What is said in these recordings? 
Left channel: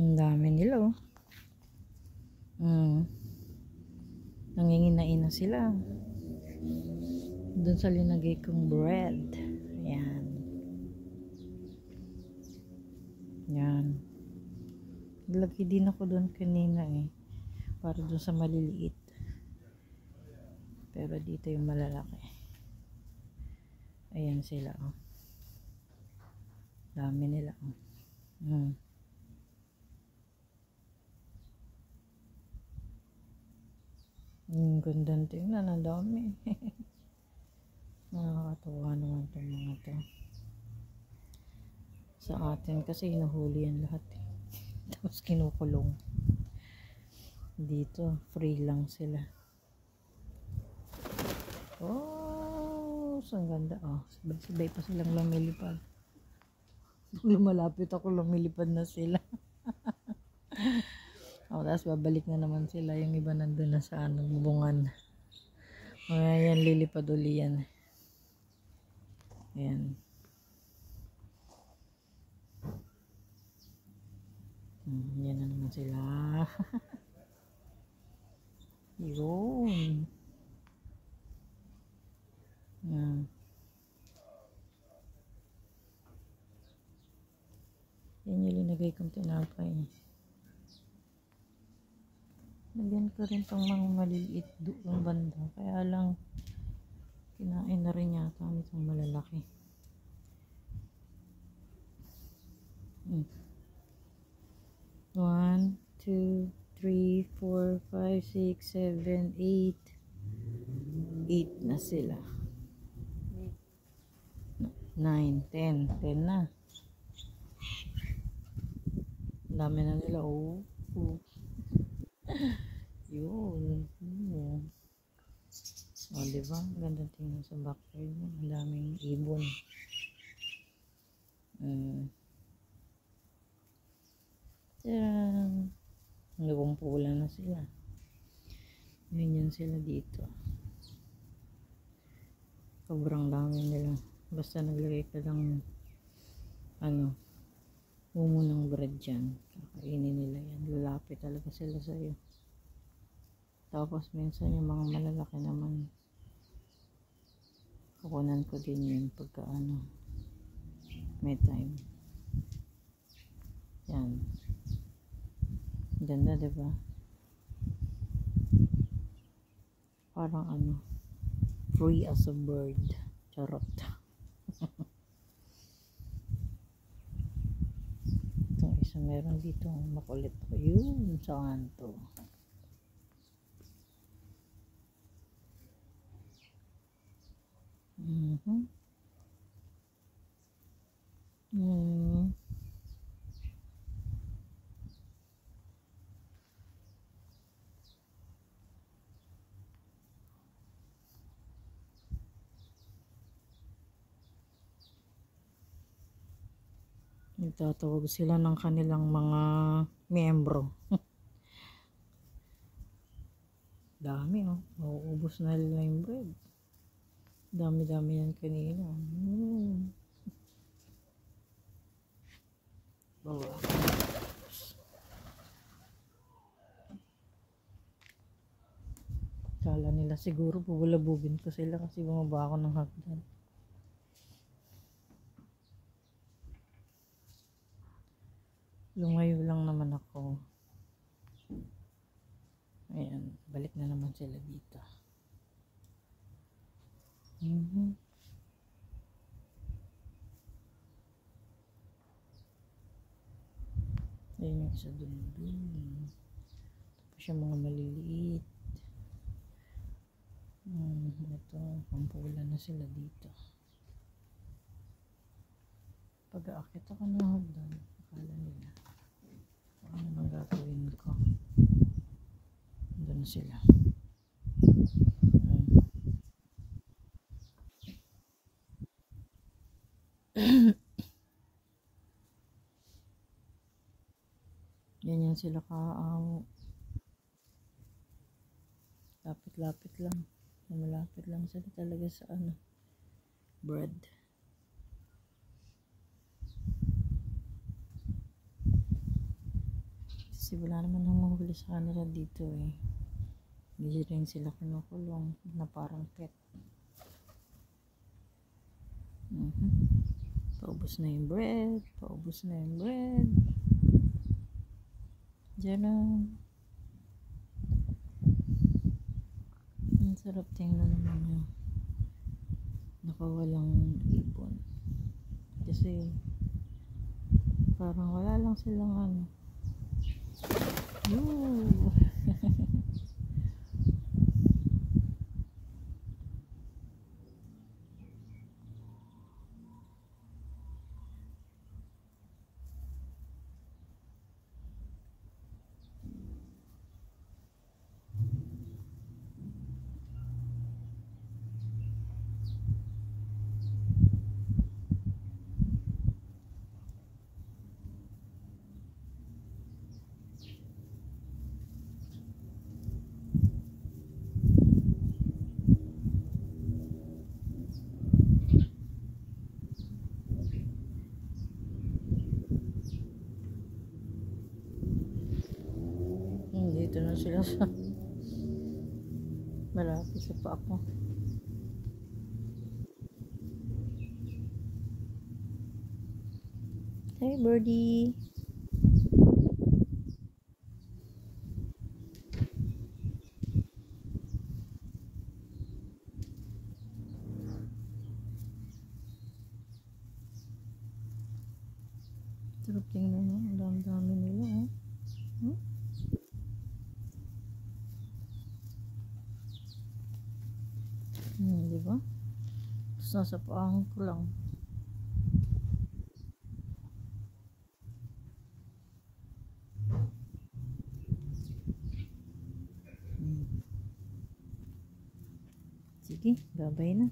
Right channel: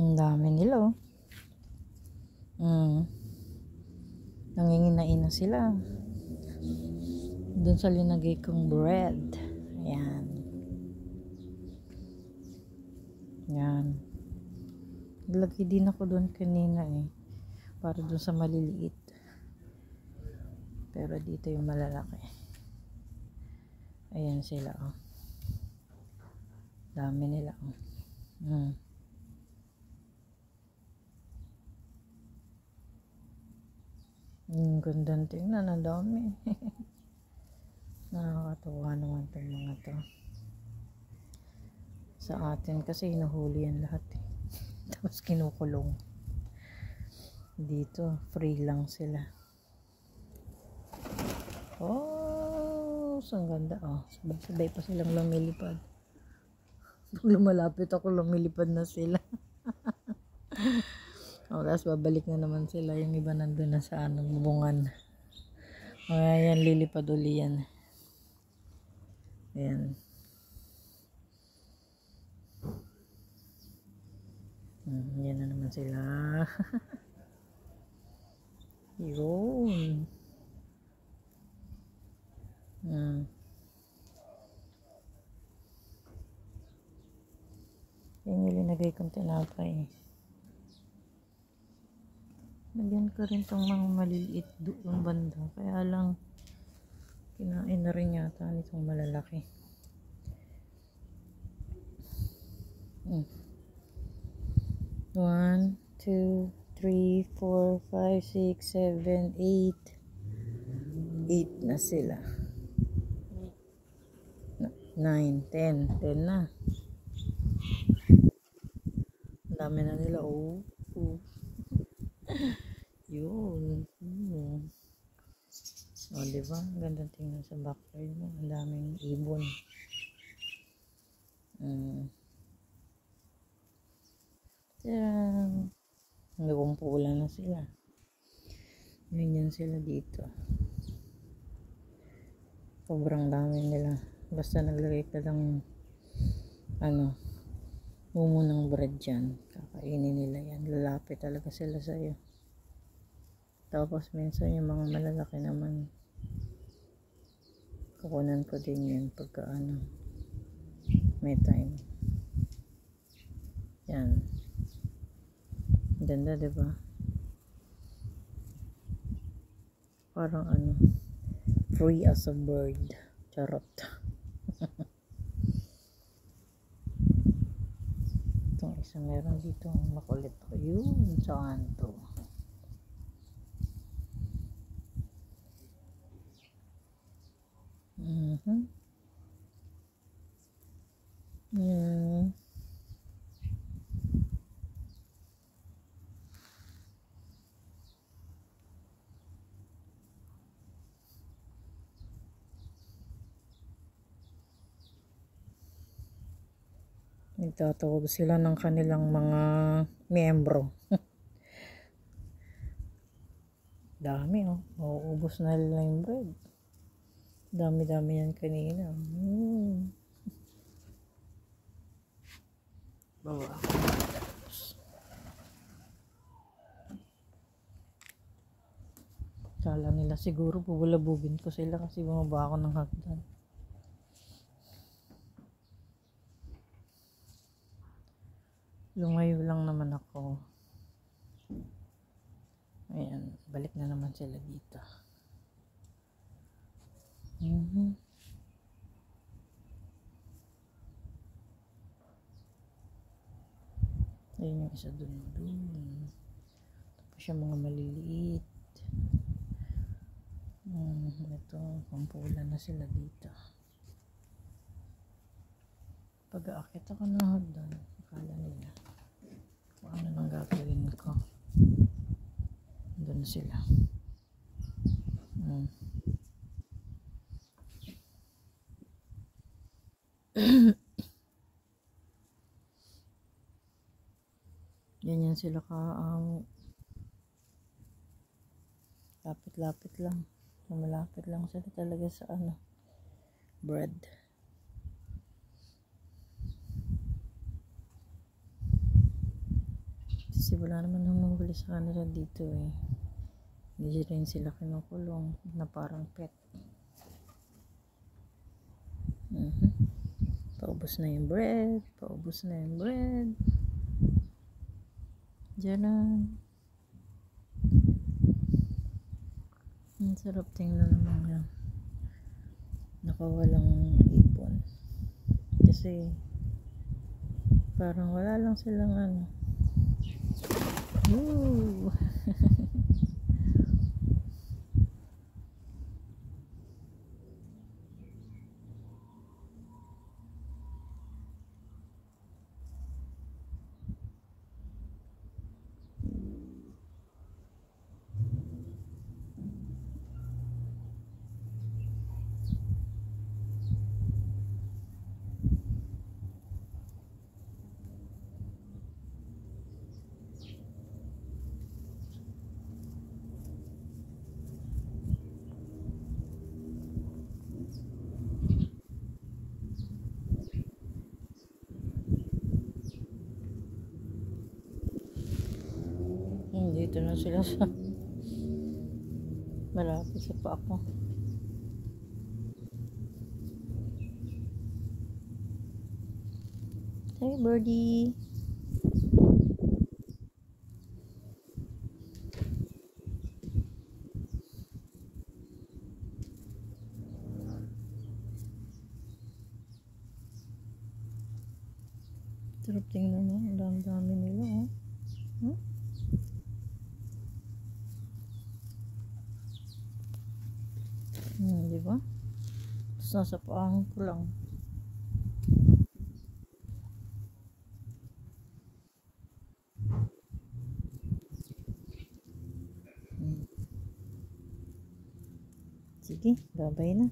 Ang dami nila, oh. Nanginginain na sila. Doon sa linagay kong bread. Ayan. Yan. Naglagay din ako doon kanina eh. Para doon sa maliliit. Pero dito yung malalaki. Ayan sila, oh. Dami nila, oh. Gandang tingnan, ang dami. Nakakatawa naman itong mga to. Sa atin kasi hinuhuli yan lahat eh. Tapos kinukulong. Dito free lang sila. Oh, ang ganda. Oh, sabay-sabay pa silang lumilipad. Pag lumalapit ako, lumilipad na sila. Oh, tapos babalik na naman sila. Yung iba nandun na sa bubungan. O, ayan, lilipad uli yan. Ayan. Yan na naman sila. Yun. Yan yung linagay kong tinapay. Lagyan ko rin tong mga maliliit doon banda. Kaya lang, kinain na rin yata nitong malalaki. 1, 2, 3, 4, 5, 6, 7, 8. 8 na sila. 9, 10. 10 na. Ang dami na nila. Oh. Yun. O, diba? Ganda tingnan sa backyard mo. Ang daming ibon. Tadaan! Nagumpulan na sila. Ganyan sila dito. Sobrang dami nila. Basta naglagay ka ng mumo ng bread dyan. Kakainin nila yan. Lalapit talaga sila sa'yo. Tapos minsan yung mga malalaki naman, kukunan ko din yun pagka may time. Yan. Ganda, diba? Parang free as a bird. Charot. Itong isa meron dito makulit ko. Yun, saan to? Nagtatawag sila ng kanilang mga miyembro. Dami, oh. Mauubos na nila yung bread. Dami-dami yan kanina. Bawa. Kala nila siguro bubulabugin ko sila kasi bumaba ako ng hagdan. Lumayo lang naman ako. Ayan, balik na naman sila dito. Ayan yung isa dun. Tapos yung mga maliliit. Ito, pampulan na sila dito. Pag-aakit ako ng hagdan, akala nila ano nang gagawin ko. Doon sila. Ganyan sila lapit-lapit lang. Malapit lang sila talaga sa bread. Kasi wala naman humuhuli sa kanila dito eh. Hindi rin sila kinukulong na parang pet. Paubos na yung bread. Paubos na yung bread. Diyan na. Ang sarap tingnan ng mga nakawalang ipon. Kasi parang wala lang silang ano. Yoo! Dito na sila sa malapit sa pa ako. Hey birdie. Sarap tingnan mo, ang dami nila oh. Diba? Tapos nasa paahon ko lang. Sige, babay na.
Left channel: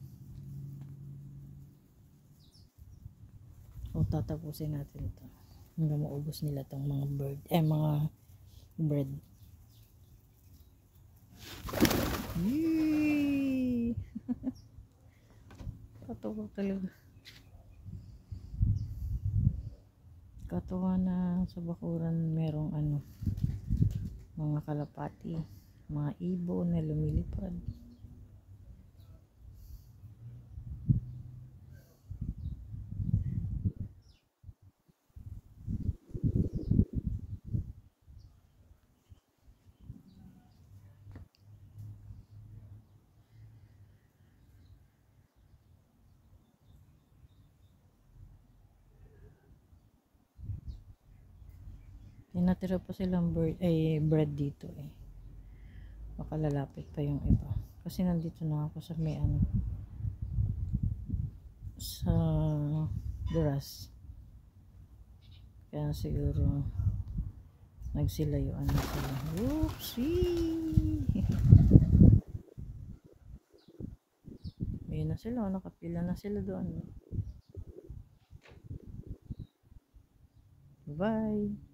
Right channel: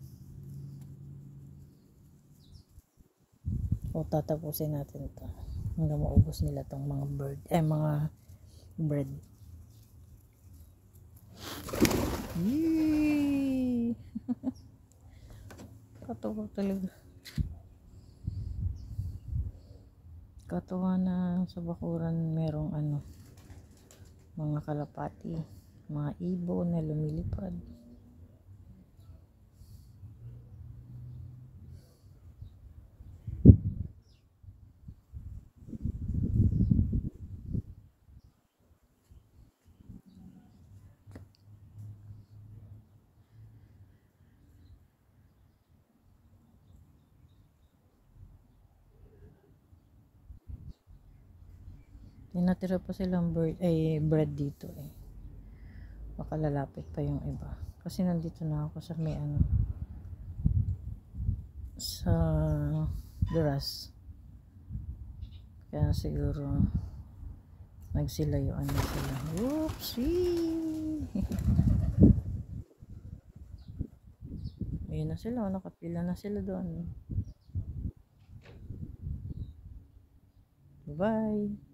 O tatapusin natin ito hanggang maubos nila tong mga bird, mga bread. Yee! Katawa talaga. Katawa na sa bakuran merong mga kalapati, mga ibon na lumilipad. Natira pa silang bread dito eh. Baka lalapit pa yung iba. Kasi nandito na ako sa may sa Duras. Kaya siguro nagsilayuan na sila. Oopsie! Ayun na sila. Nakapila na sila doon. Bye-bye!